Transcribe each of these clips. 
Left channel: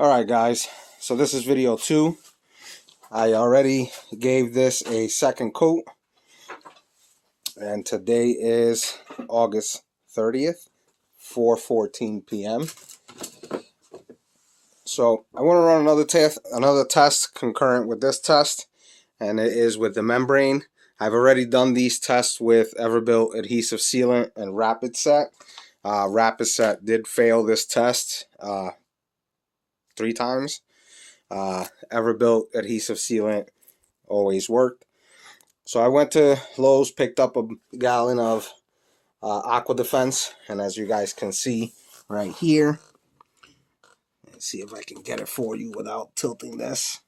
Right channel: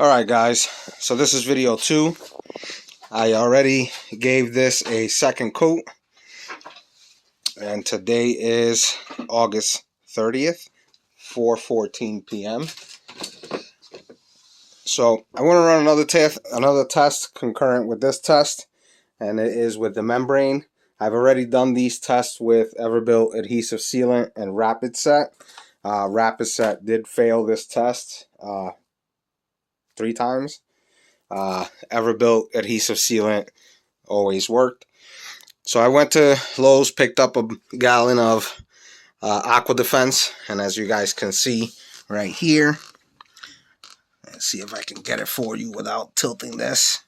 Alright guys, so this is video 2. I already gave this a second coat, and today is August 30th, 4:14 p.m. So I want to run another test concurrent with this test, and it is with the membrane. I've already done these tests with Everbilt adhesive sealant and RapidSet. RapidSet did fail this test 3 times. Everbilt adhesive sealant always worked. So I went to Lowe's, picked up a gallon of AquaDefense, and as you guys can see right here, let's see if I can get it for you without tilting this.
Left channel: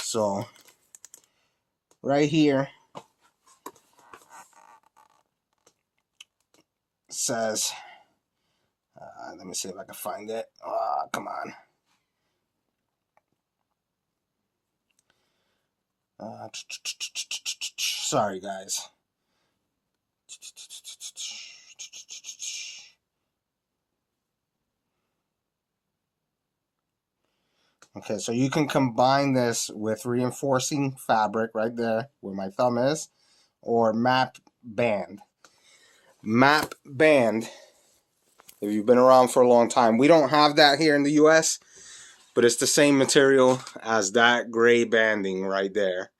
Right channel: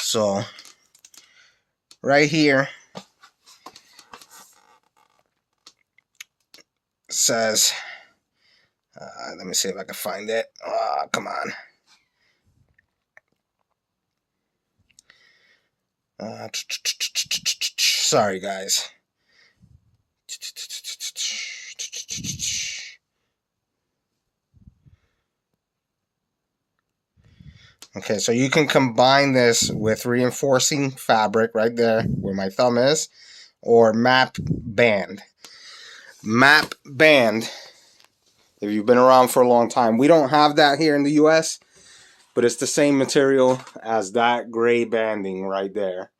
So right here says, let me see if I can find it. Come on. Sorry guys. Okay, so you can combine this with reinforcing fabric right there where my thumb is, or map band. Map band, if you've been around for a long time, we don't have that here in the US, but it's the same material as that gray banding right there.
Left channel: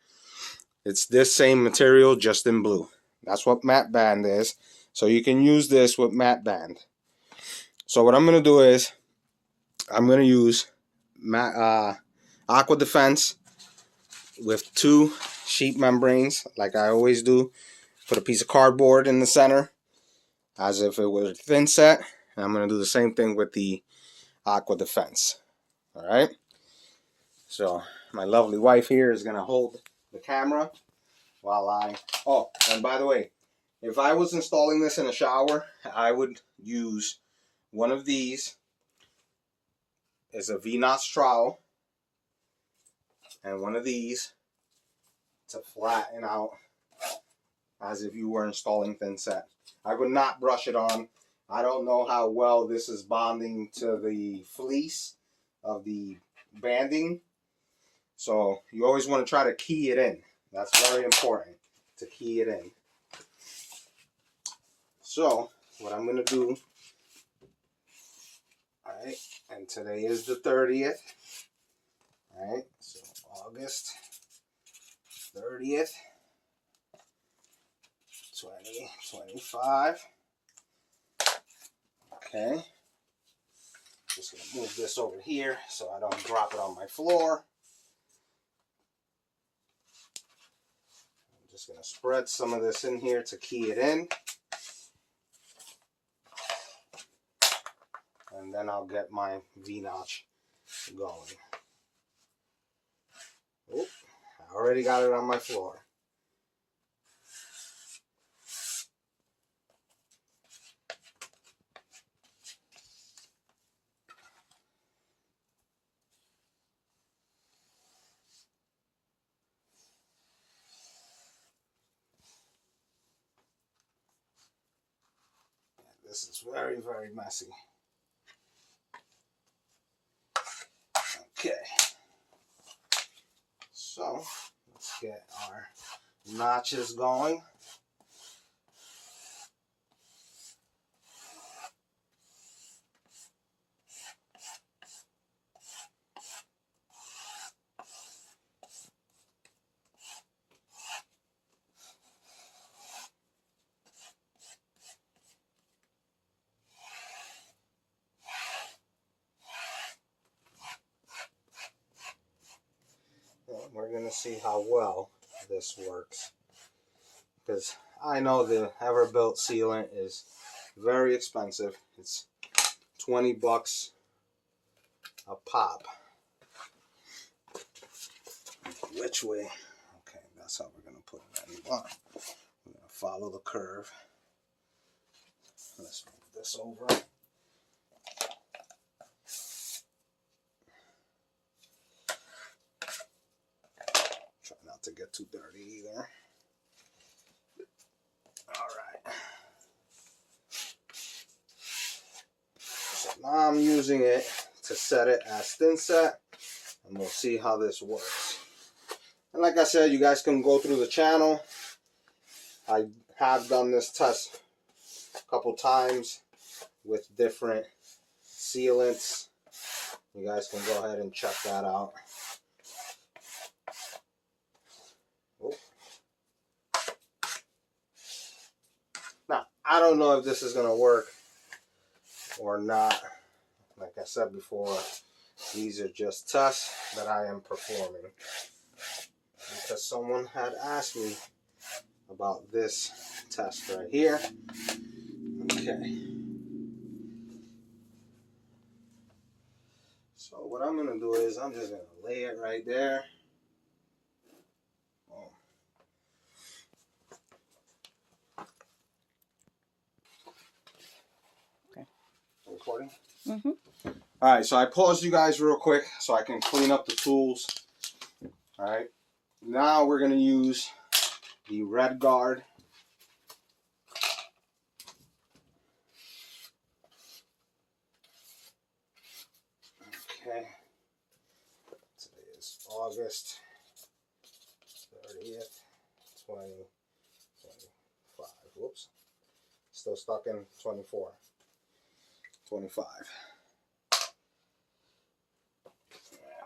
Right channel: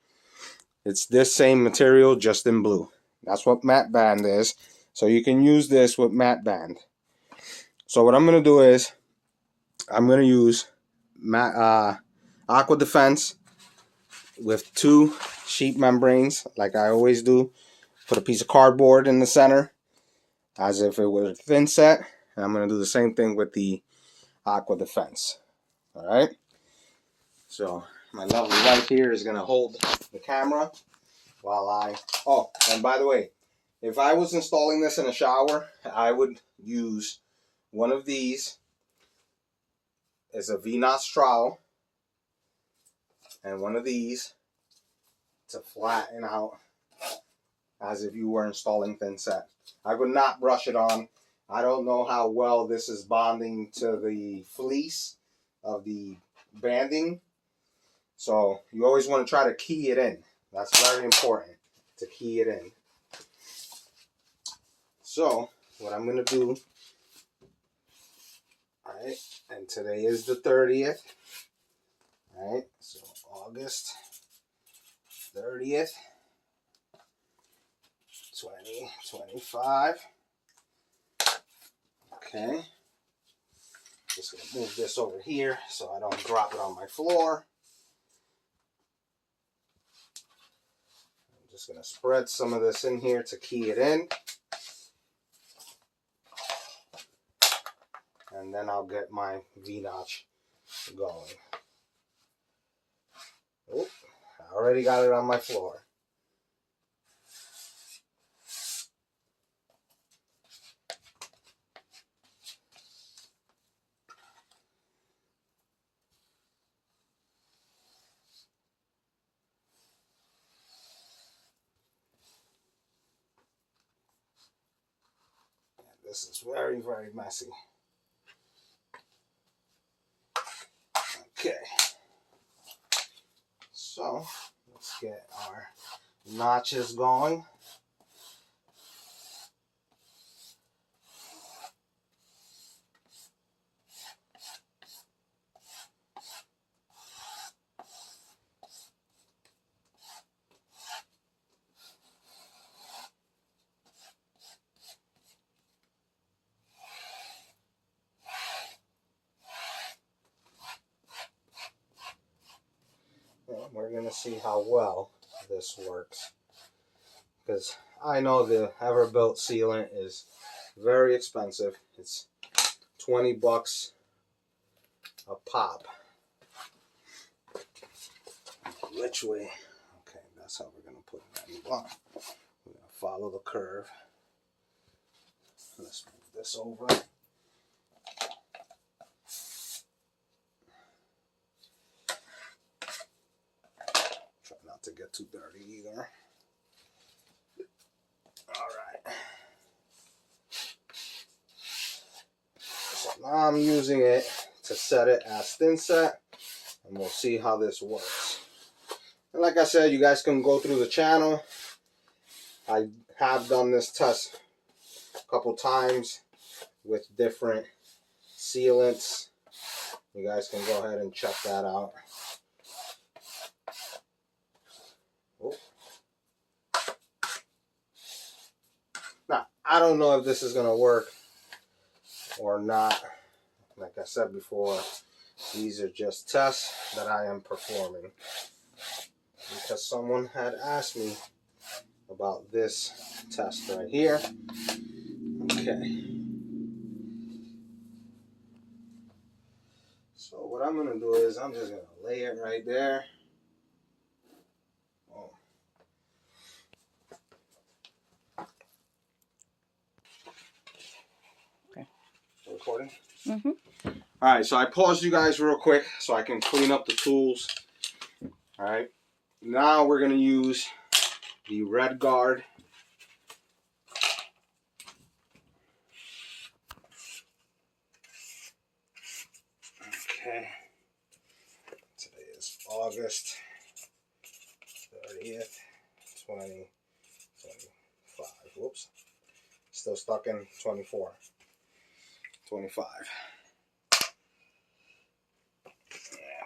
It's this same material, just in blue. That's what matte band is. So you can use this with matte band. So what I'm going to do is, I'm going to use AquaDefense with 2 sheet membranes, like I always do. Put a piece of cardboard in the center, as if it was a Thinset. And I'm going to do the same thing with the AquaDefense. Alright? So my lovely wife here is going to hold the camera while I... Oh, and by the way, if I was installing this in a shower, I would use one of these. It's a V-notch trowel, and one of these to flatten out as if you were installing Thinset. I would not brush it on. I don't know how well this is bonding to the fleece of the banding. So you always want to try to key it in. That's very important, to key it in. So what I'm going to do, alright, and today is the 30th. Alright, so August 30th, 2025. Okay. Just going to move this over here so I don't drop it on my floor. I'm just going to spread some of this in here to key it in. And then I'll get my V-notch going. Oh, I already got it on my floor. This is very, very messy. Okay. So, let's get our notches going. We're going to see how well this works, because I know the Everbilt sealant is very expensive. It's 20 bucks a pop. Which way? Okay, that's how we're going to put it on. We're going to follow the curve. Let's move this over. To get too dirty either. Alright. So now I'm using it to set it as Thinset, and we'll see how this works. And like I said, you guys can go through the channel. I have done this test a couple times with different sealants. You guys can go ahead and check that out. Oh. Now, I don't know if this is going to work or not. Like I said before, these are just tests that I am performing, because someone had asked me about this test right here. Okay. So what I'm going to do is I'm just going to lay it right there. Oh. Okay. Recording? Mm-hmm. All right, so I paused you guys real quick so I can clean up the tools. All right. Now we're going to use the RedGard. Okay. Today is August 30th, 2025. Whoops. Still stuck in 24. 25.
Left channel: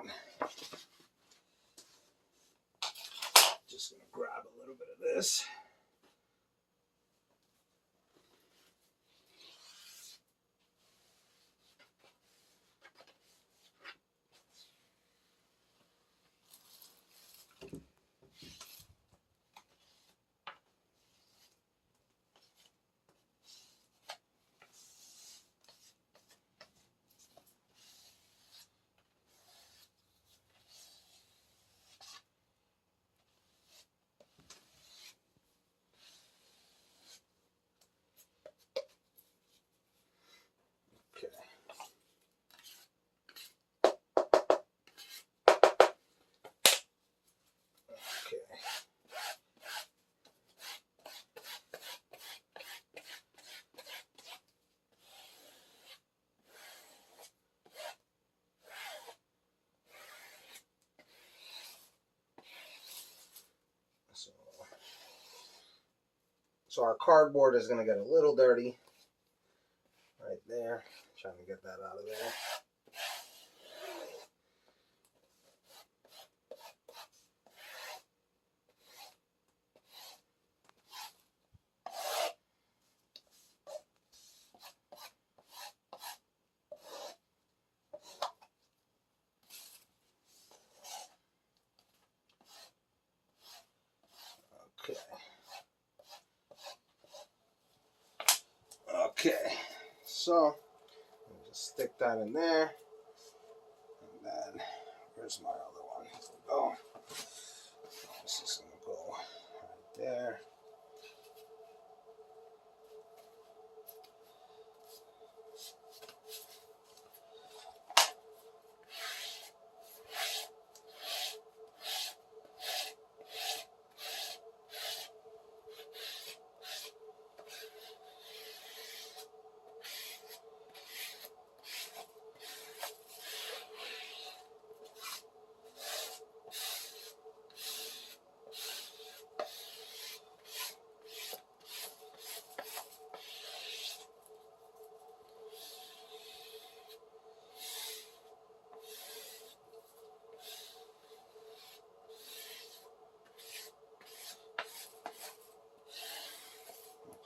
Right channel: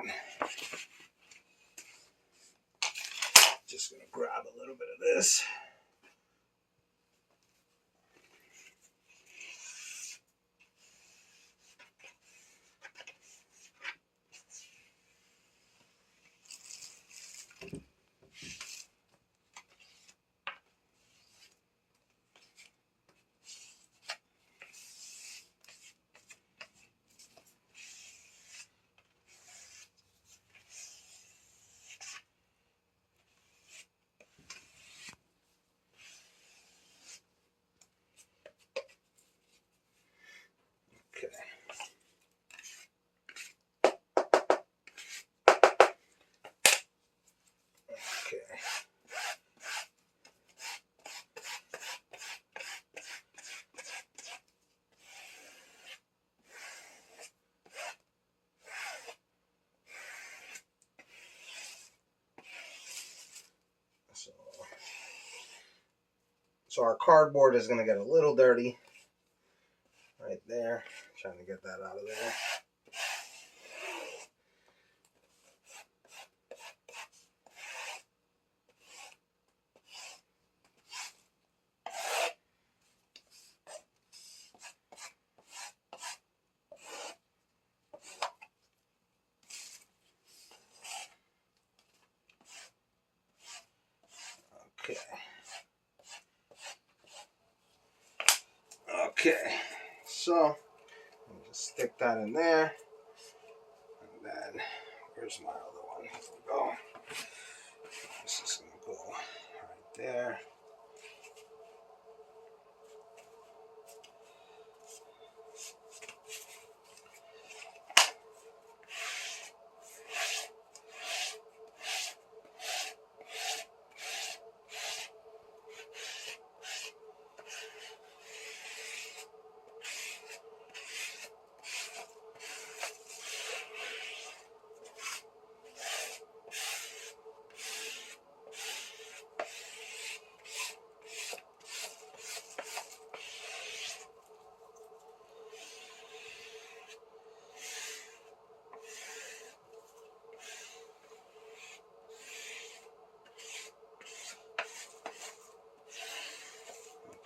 And just going to grab a little bit of this. Okay. Okay. So our cardboard is going to get a little dirty right there. Trying to get that out of there. Okay. Okay. So, let me just stick that in there. And then, here's my other one. Here we go. This is going to go right there.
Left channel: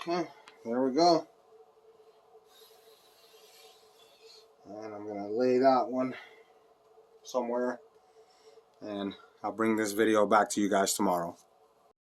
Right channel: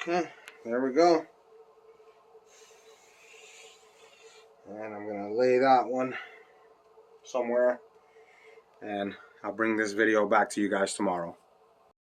Okay, there we go. And I'm going to lay that one somewhere. And I'll bring this video back to you guys tomorrow.